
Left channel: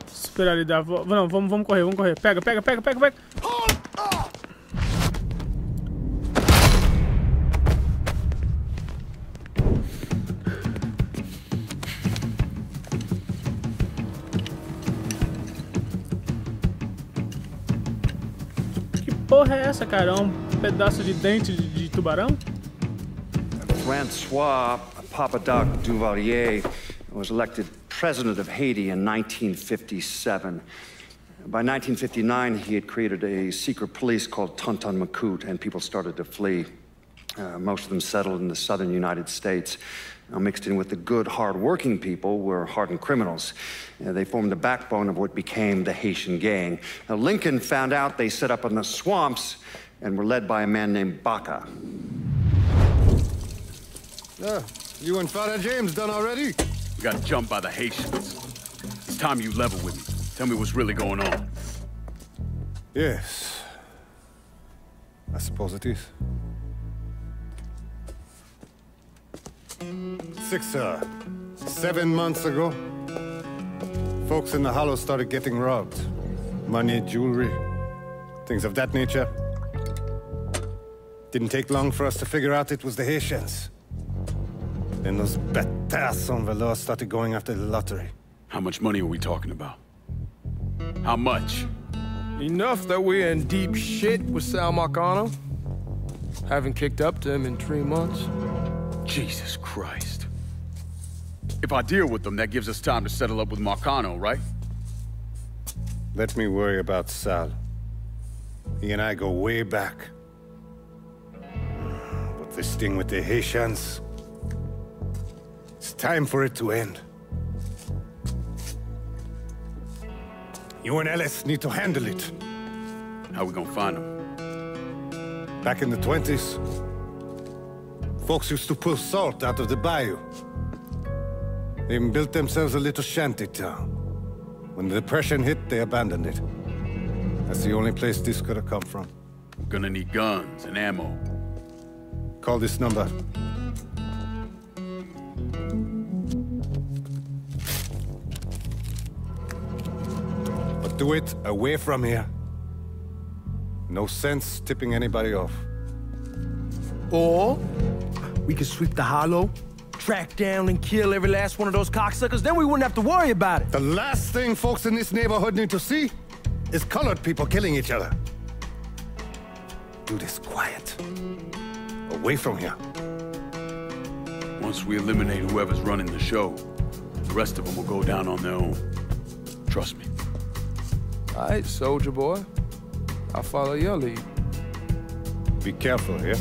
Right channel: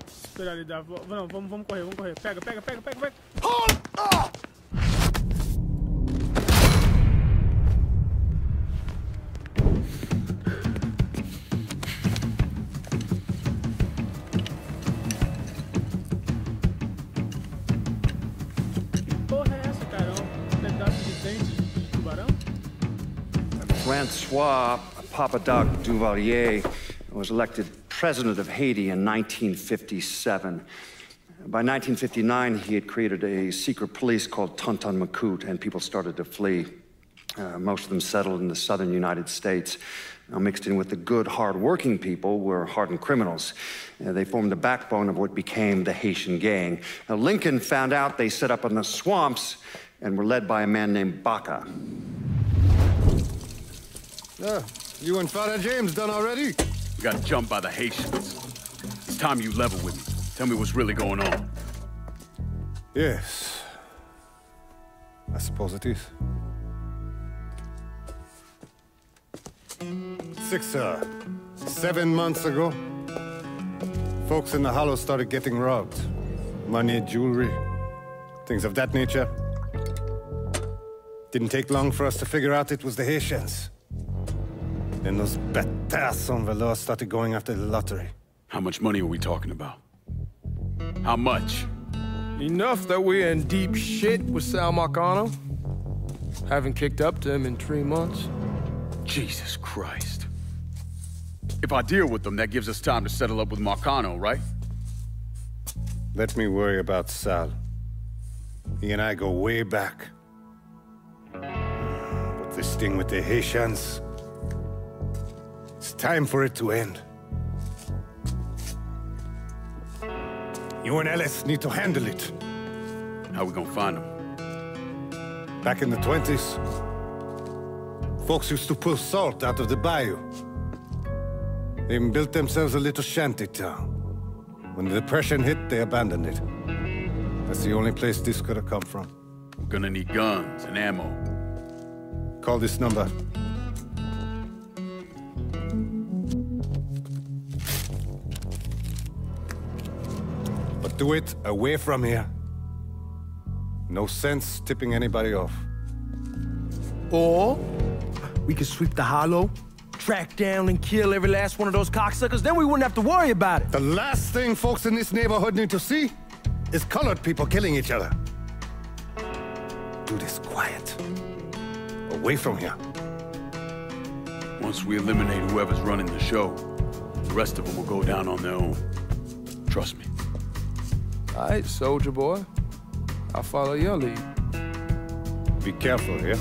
Esperar ele dar a volta. Não, vamos correr, vamos correr. Pega, pega, pega, pega, pega. Que porra é essa, cara? Um pedaço de dente de tubarão? Francois Papadoc Duvalier was elected president of Haiti in 1957. By 1959, he had created a secret police called Tonton Macoute, and people started to flee. Most of them settled in the southern United States. Mixed in with the good, hard-working people were hardened criminals. They formed the backbone of what became the Haitian gang. Now, Lincoln found out they set up in the swamps and were led by a man named Baca. You and Father James done already? We got jumped by the Haitians. It's time you level with me. Tell me what's really going on. Yes. I suppose it is. 7 months ago, folks in the Hollow started getting robbed. Money, jewelry, things of that nature. Didn't take long for us to figure out it was the Haitians. Then those bâtards en velours started going after the lottery. How much money are we talking about? How much? Enough that we're in deep shit with Sal Marcano. Haven't kicked up to him in 3 months. Jesus Christ. If I deal with them, that gives us time to settle up with Marcano, right? Let me worry about Sal. He and I go way back. But this thing with the Haitians... it's time for it to end. You and Ellis need to handle it. How we gonna find them? Back in the 20s, folks used to pull salt out of the bayou. They even built themselves a little shanty town. When the Depression hit, they abandoned it. That's the only place this could have come from. We're gonna need guns and ammo. Call this number. But do it away from here. No sense tipping anybody off. Or we could sweep the Hollow, track down and kill every last one of those cocksuckers, then we wouldn't have to worry about it. The last thing folks in this neighborhood need to see is colored people killing each other. Do this quiet. Away from here. Once we eliminate whoever's running the show, the rest of them will go down on their own. Trust me. All right, soldier boy. I'll follow your lead. Be careful here.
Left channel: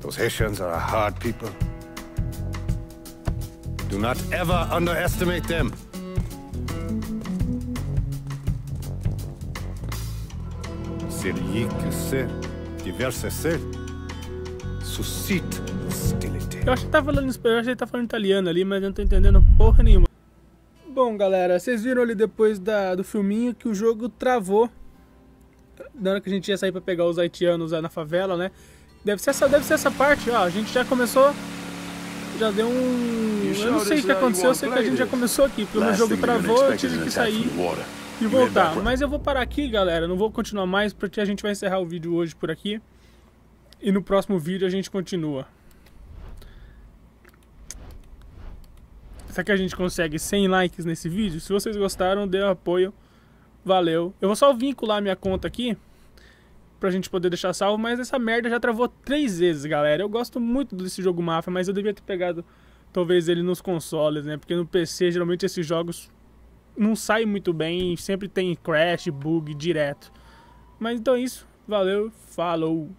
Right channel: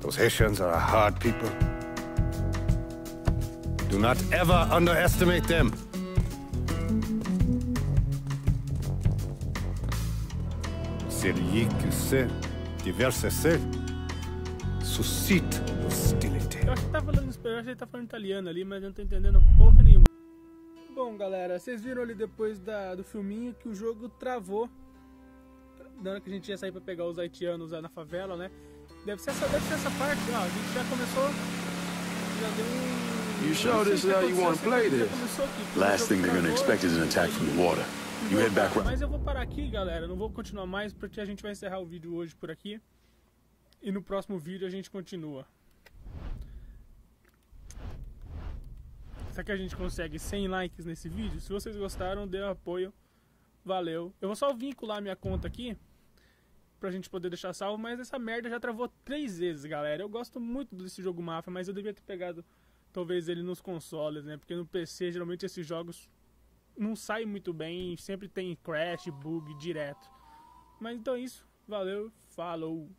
Those Haitians are a hard people. Do not ever underestimate them. Celui que sait diverse celle suscite hostilité. Eu acho que tá falando espanhol, eu achei que tá falando italiano ali, mas eu não tô entendendo porra nenhuma. Bom, galera, vocês viram ali depois do filminho que o jogo travou na hora que a gente ia sair pra pegar os haitianos lá na favela, né? Deve ser essa parte, ó. A gente já começou, já deu um... You showed us how you want to play this. Já começou aqui. Last thing they're gonna expect is an attack from the water. You head back. Mas eu vou parar aqui, galera. Não vou continuar mais porque a gente vai encerrar o vídeo hoje por aqui. E no próximo vídeo a gente continua. Será que a gente consegue 100 likes nesse vídeo? Se vocês gostaram, dê um apoio. Valeu. Eu vou só vincular minha conta aqui pra gente poder deixar salvo, mas essa merda já travou 3 vezes, galera. Eu gosto muito desse jogo Mafia, mas eu devia ter pegado talvez ele nos consoles, né? Porque no PC, geralmente esses jogos não saem muito bem, sempre tem crash, bug direto. Mas então é isso. Valeu, falou!